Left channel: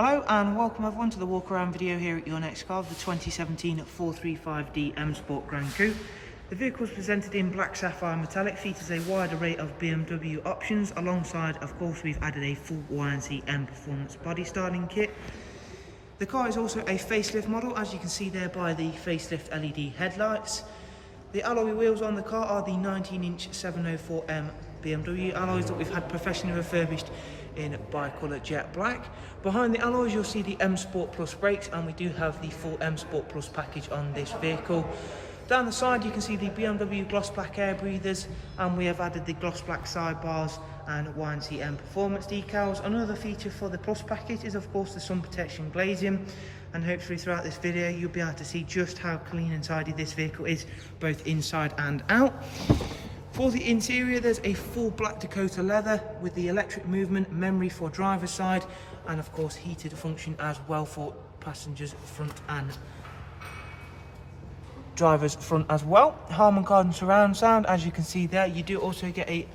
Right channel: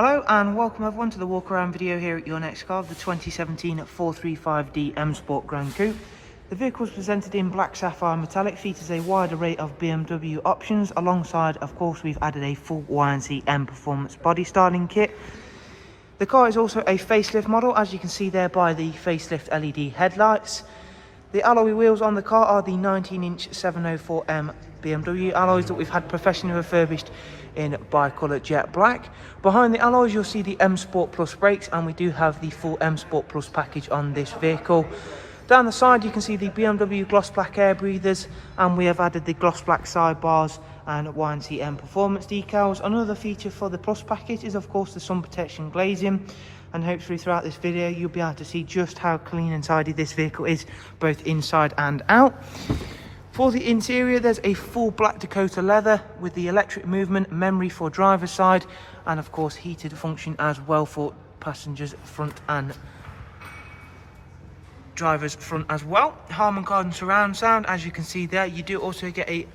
Hello and welcome everyone to the walk around video here at your next car, the 2017 435D M Sport Gran Coupe. The vehicle is presented in black sapphire metallic, features a wide array of BMW options. Alongside, of course, we've added a full YNC Mperformance body styling kit. The car is also a facelift model, as you can see there by the facelift LED headlights. The alloy wheels on the car are the 19-inch 704M BMW alloys that we've had professionally refurbished in bi-colour jet black. Behind the alloys you'll see the M Sport Plus brakes, and we do have the full M Sport Plus package on this vehicle. Down the side you can see the BMW gloss black air breathers, and we have added the gloss black sidebars and YNC Mperformance decals. Another feature for the Plus package is of course the sun protection glazing, and hopefully throughout this video you'll be able to see just how clean and tidy this vehicle is, both inside and out. For the interior, there's a full black Dakota leather with the electric movement, memory for driver's side, and of course heated function as well for passengers front and driver's front as well. Harman Kardon surround sound, as you can see there. You do also get a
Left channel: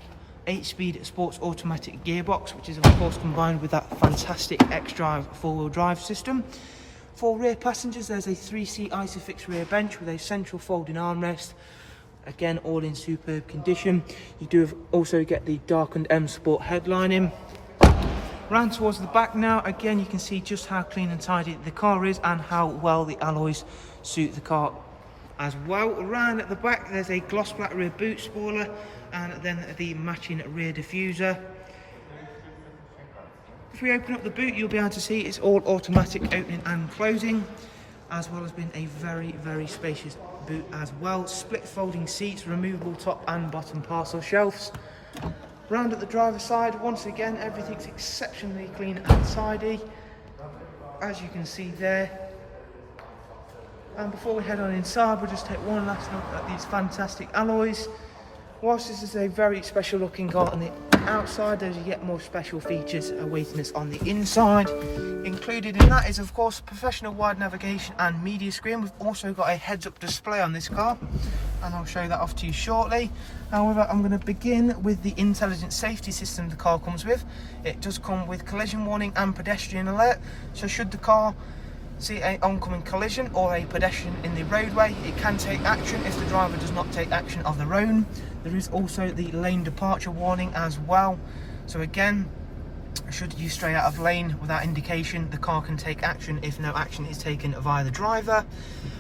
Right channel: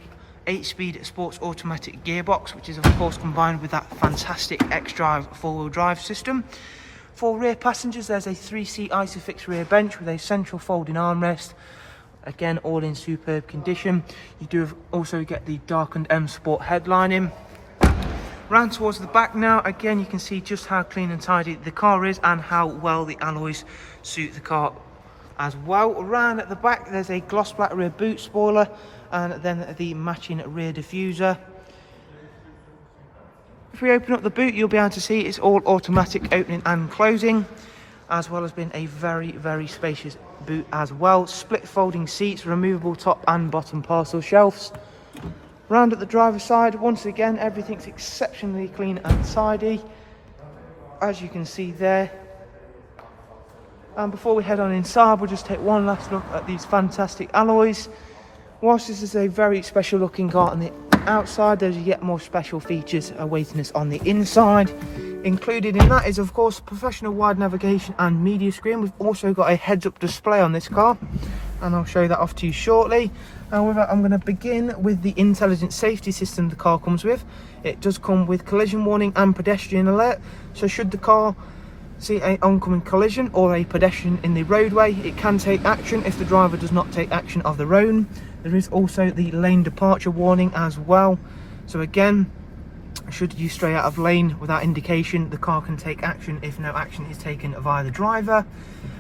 8-speed sports automatic gearbox, which is of course combined with that fantastic X-Drive 4-wheel drive system. For rear passengers, there's a 3-seat Isofix rear bench with a central folding armrest. Again, all in superb condition. You do also get the darkened M Sport headlining. Round towards the back now, again you can see just how clean and tidy the car is and how well the alloys suit the car as well. Around at the back there's a gloss black rear boot spoiler and then the matching rear diffuser. If we open up the boot, you'll be able to see it's all automatic opening and closing, as well as being a very spacious boot as well. Split folding seats, removable top and bottom parcel shelves. Round at the driver's side, once again everything's exceptionally clean and tidy, as you can see there. And before we head on inside, we'll just take one last look at these fantastic alloys. Whilst this is a very special looking car on the outside, there's yet more special features awaiting us on the inside. Included in that is of course professional wide navigation and media screen. We've also got a heads-up display on this car, and I'll show that off to you shortly. However, I'm going to begin with the intelligent safety system the car comes with. It does come with collision warning and pedestrian alert, so should the car see an oncoming collision or a pedestrian in the roadway, it can take action if the driver does not take action of their own. There is also the lane departure warning as well, so again, should you stray out of lane without indication, the car can take action if no action is taken via the driver.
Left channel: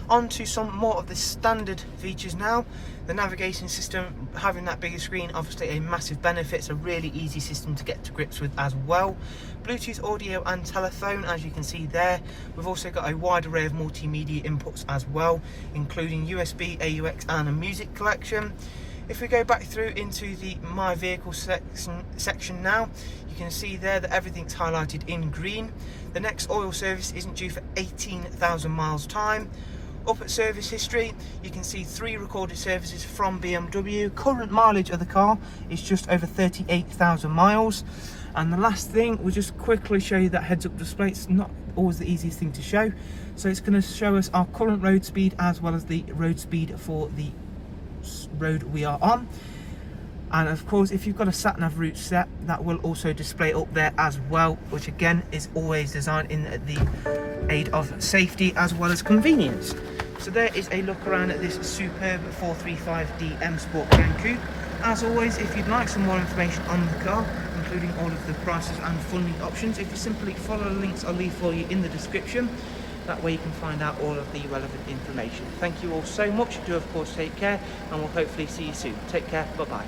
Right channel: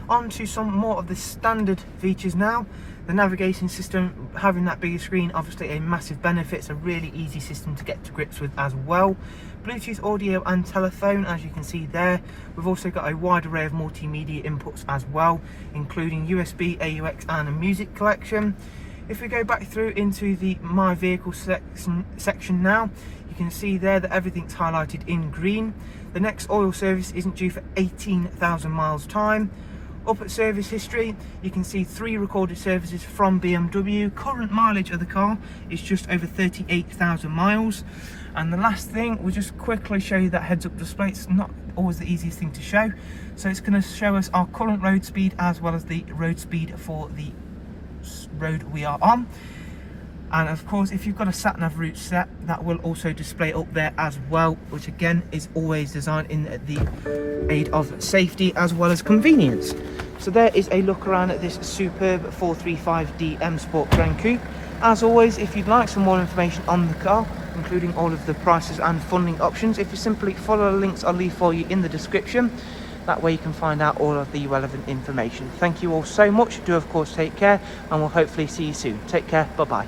On to some more of the standard features now. The navigation system, having that bigger screen, obviously a massive benefit. It's a really easy system to get to grips with as well. Bluetooth audio and telephone, as you can see there. We've also got a wide array of multimedia inputs as well, including USB, AUX and a music collection. If we go back through into the My Vehicle section now, you can see there that everything's highlighted in green. The next oil service isn't due for 18,000 miles time. Up at service history, you can see 3 recorded services from BMW. Current mileage of the car is just over 38,000 miles. And the last thing, we'll just quickly show you that heads-up display. It's not always the easiest thing to show. So it's going to show us our current road speed as well as the road speed for the road we are on. And of course, if you've got a sat-nav route set, that will also display up there as well, which again is always designed in the aid of safety as well as convenience. So there is a look around at this superb 435D M Sport Gran Coupe. As always, if you'd like some more information on the car, including all of the prices and funding options, if you simply follow the links I'll leave for you in the description, that way you can find out all of the relevant information. Thank you all so much. Do of course take care, and we'll hopefully see you soon. Take care. Bye bye.